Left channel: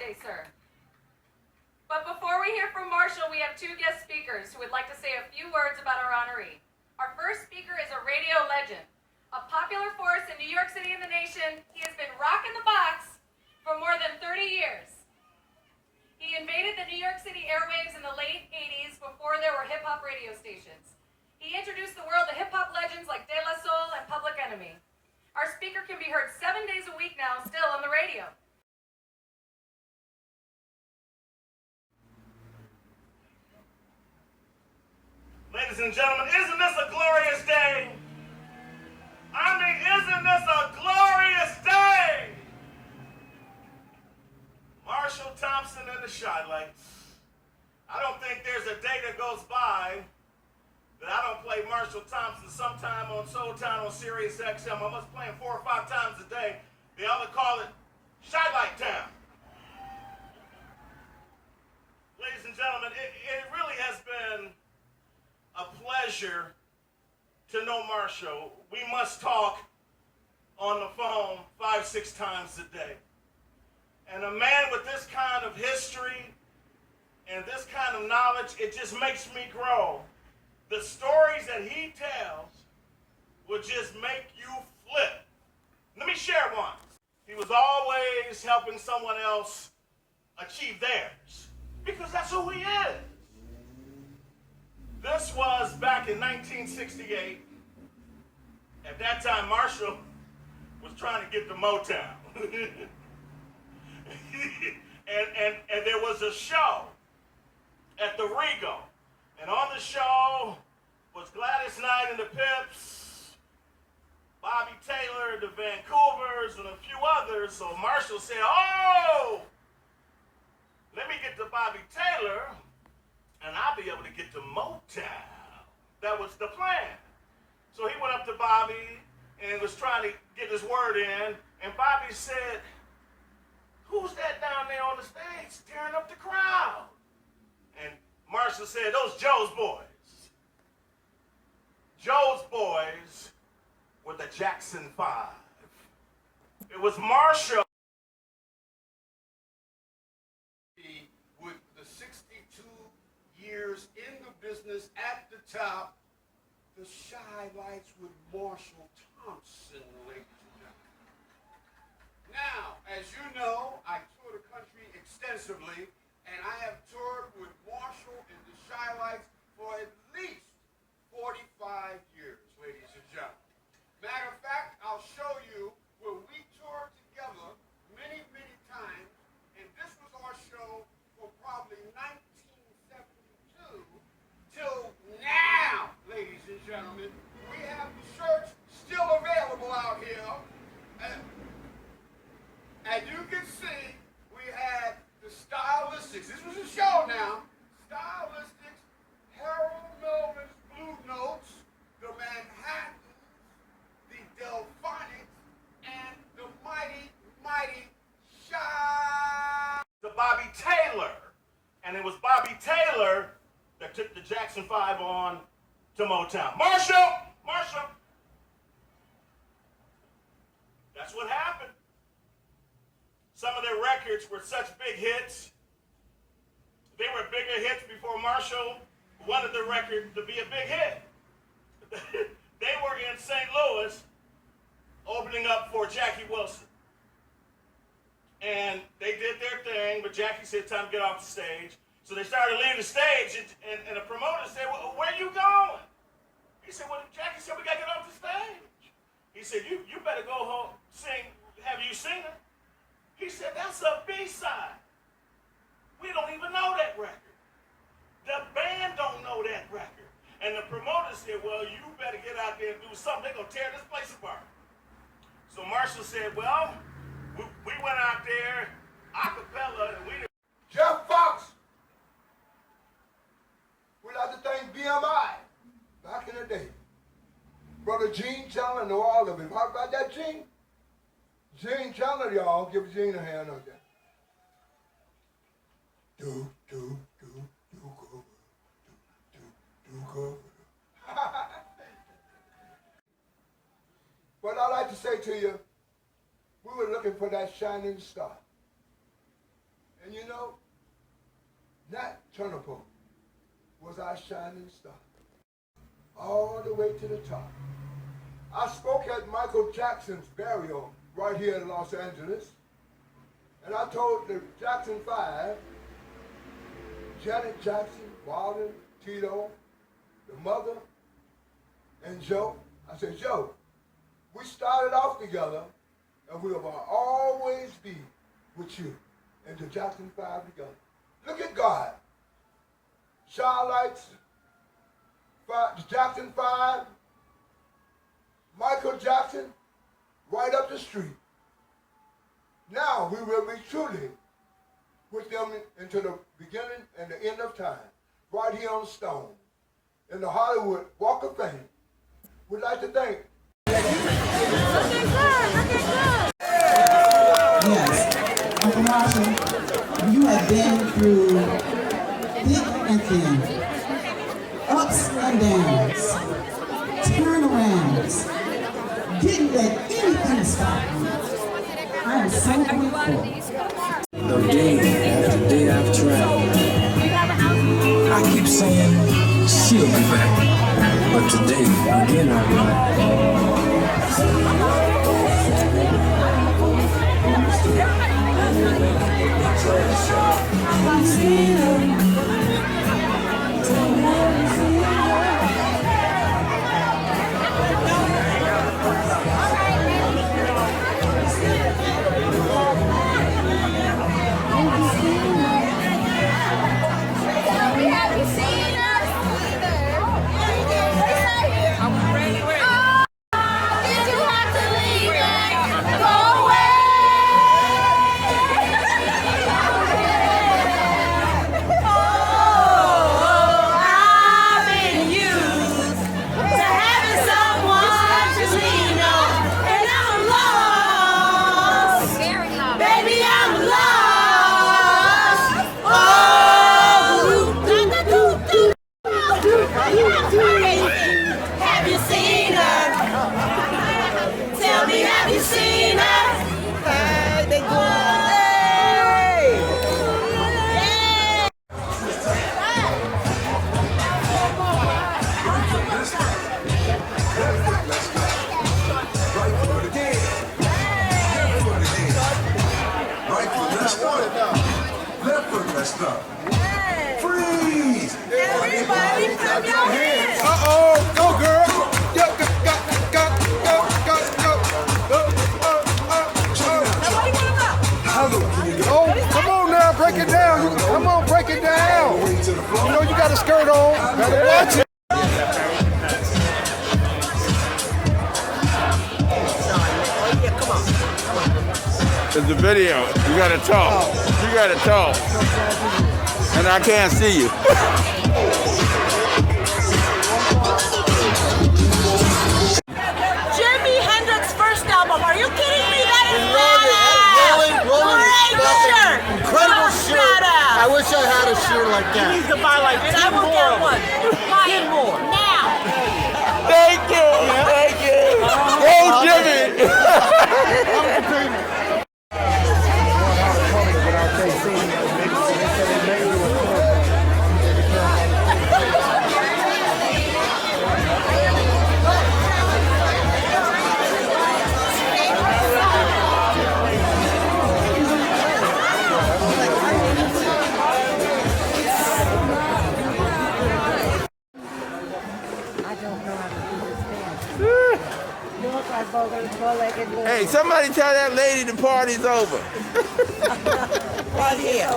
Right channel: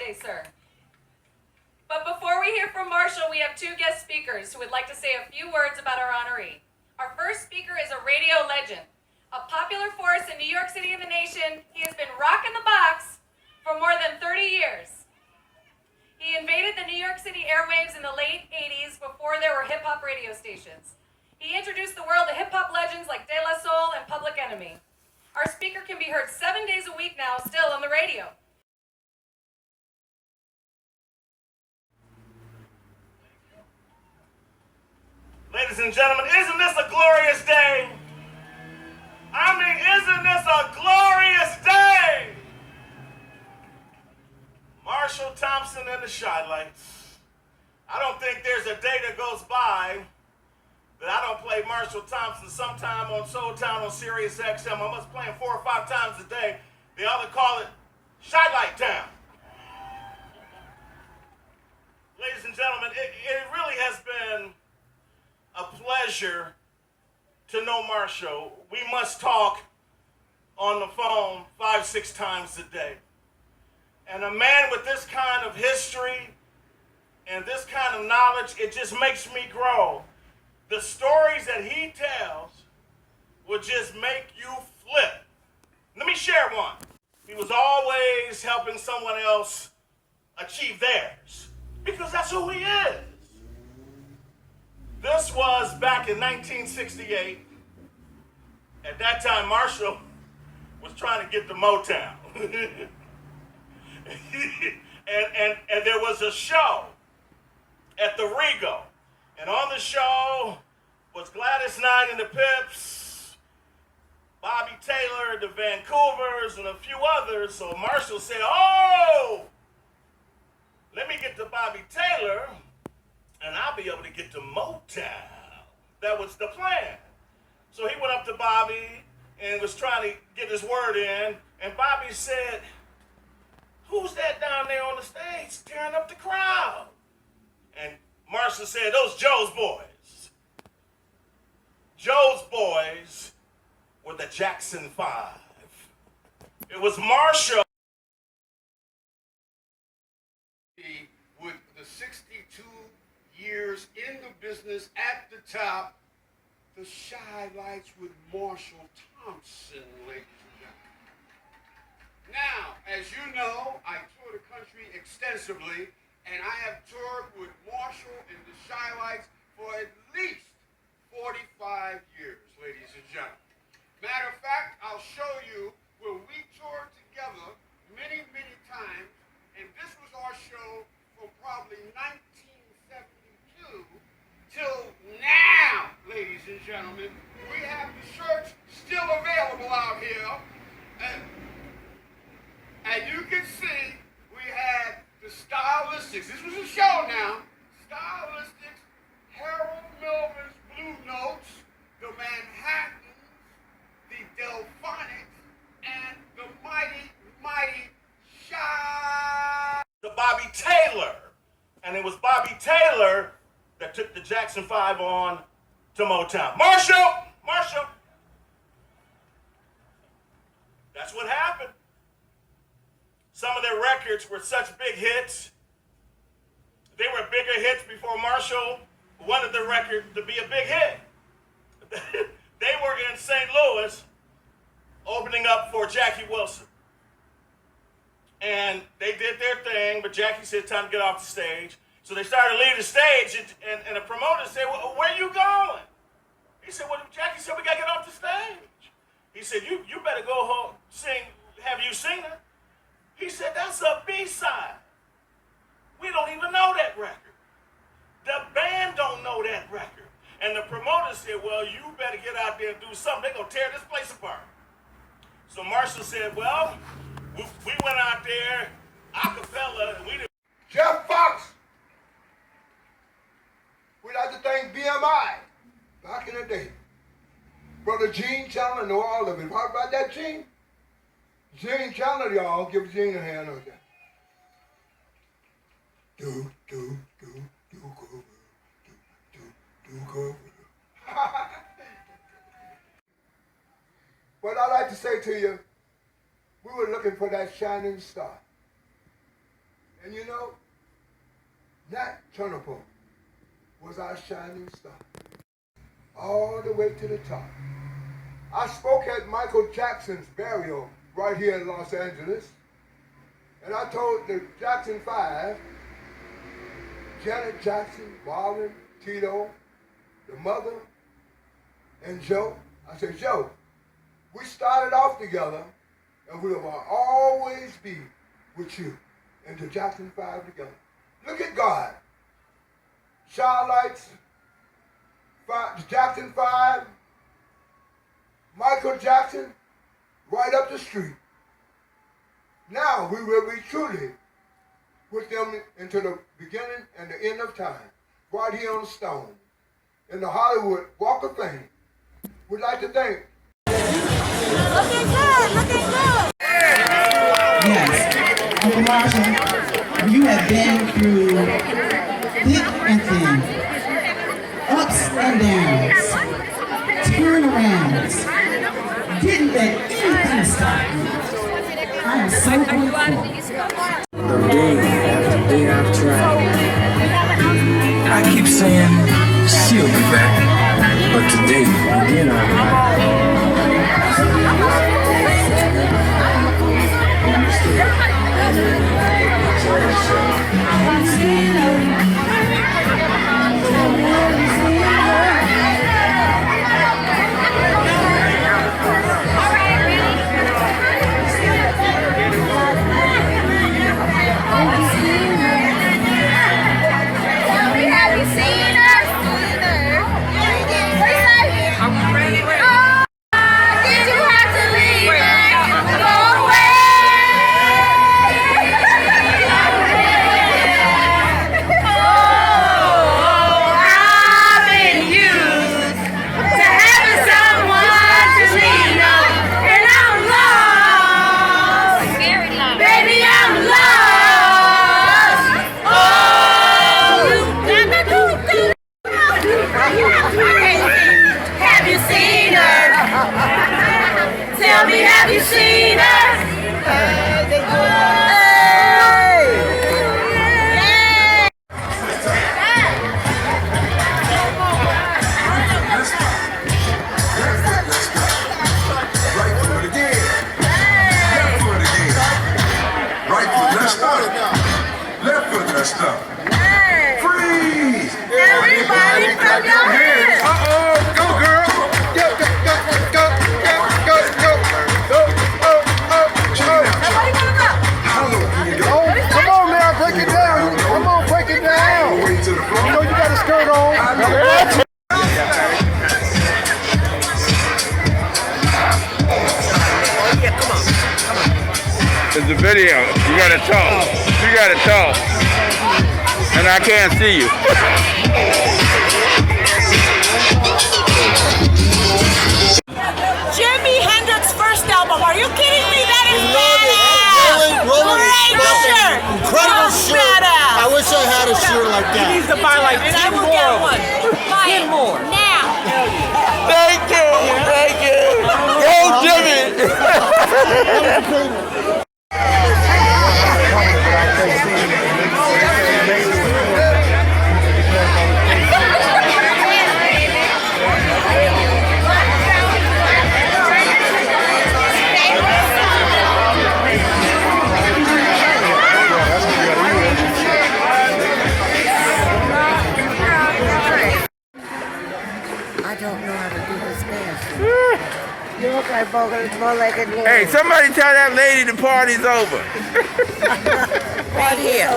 Day, sir. But before we hear from Marshall, we have two guest speakers who would like to say a few words about our honoree. Our first speaker is a radio legend, a popular force in New York City and the nation. He has been rocking the box for more than 30 years. He invaded the New York City airwaves in the late 80s before there were hip-hop radio stations. He introduced the world to hip-hop legends like De La Soul and Public Enemy. Our speaker can be heard 7 days a week now, still on the radio. Ladies and gentlemen, isn't this a glorious day? I mean, isn't this a glorious day? Marshall Thompson and the Shy Lights. I don't think there's a day that goes by that I don't play Marshall Thompson sometime on Soul Town on Sirius XM. I must play him 4 or 5 times a day. They all call it Shy Light Town. Ladies and gentlemen, it really has been a pleasure to know Marshall. We must talk on the phone 5, 6 times a day. And a man with this kind of history and this kind of knowledge, it just makes me grow. The stories that he tells will just make you flip. Let me share one. He was always helping someone else achieve theirs because that's who he is. This was back in 1968. At that time, Marshall was trying to get to Motown. and there was a show at the Rego. And on the show was Gladys Knight and the Pips, Bobby Taylor, the Vancouvers, and a few others. So Marshall said, oh, let me get to Bobby Taylor, and I'll be able to get to Motown. That was the plan. So he went up to Bobby and was trying to get his word in, and Bobby said, who's that down there on the stage tearing up the crowd? And Marshall said, those Joe's boys. Joe's boys were the Jackson 5. It was Marshall. With the 62 years in the business at the top, the Shy Lights with Marshall Thompson, ladies and gentlemen. Now, as you know, I tour the country extensively, and I have toured with Marshall and the Shy Lights for at least 45 years, ladies and gentlemen. Matter of fact, I'll show you where we toured together many, many times, and this was our show from probably 1972 till now, ladies and gentlemen. We have the shirts still available out here. And you can see we had the Stylistics. This was a show now. Stylistics, Harold Melvin's Blue Notes, the Manhattans, the Delphonics, and the Mighty, Mighty Shy. To Bobby Taylor. And it was Bobby Taylor that took the Jackson 5 on to Motown. Marshall! Marshall! That's what happened. Some of their records were such big hits. They were bigger hits before Marshall wanted the record to be a big hit. They were in St. Louis opening up for Jackie Wilson. And they did their thing, but Jackie said, time to get off the stage. So they started to leave the stage, and the promoter said, well, where are you going? He said, well, Jackie said, we got to get off the stage. He said, you better go home, sing, have you seen her? He said, that's a B-side. We don't even know that record. The band don't know that record. And the promoter said, well, you better get out there and do something. They're going to tear this place apart. So Marshall said, well, we went out there, a cappella, and we did. Jeff Fox. We'd like to thank BMI back in the day. Brother Gene Chandler know all of it. How about that, Gene? Gene Chandler, y'all. Give Gene a hand on that. Do, go. What I'd like to say to you, we were looking for that shining star. And you know, Nat Turner was our shining star, all the way to the top. I spoke at Michael Jackson's burial right here in Los Angeles, and I told the Jackson 5, Janet Jackson, Marlon, Tito, the mother, and Joe. I said, Joe, we started off together, and we will always be with you and the Jackson 5 together. Look at God. Charlotte's, the Jackson 5, Michael Jackson, right up the street. Now we will be truly with them into the beginning and the end of time, right here on the stone, in the Hollywood Walk of Fame. We'd like to thank. Looking good, looking good. Yes, Uncle Marshall, you have been through thick and thin, ups and downs, turnarounds, didn't let anything stop you. I am so grateful. Day after day I've tried. I keep saying she'll be back, but today we did alright. Have you seen her? Tell me, have you seen her? Left foot, let's go. Freeze! Everybody clap your hands! Uh-oh, go girl! Everybody wanna go? Come on now, break it down. Come on, break it down. You know you got a skirt on. It's a video. You gotta talk. You gotta talk. And I can't see you. Jimi Hendrix's first album. Are you kidding me? That is badass! Great shirt! Incredible shirt. I wish I had a shirt like that. He needs to buy like 10 more. And I will get one. Buy it more. Now! Thank you. Thank you. Go, Jimmy. Hey, somebody tell that lady the party's over. Right here.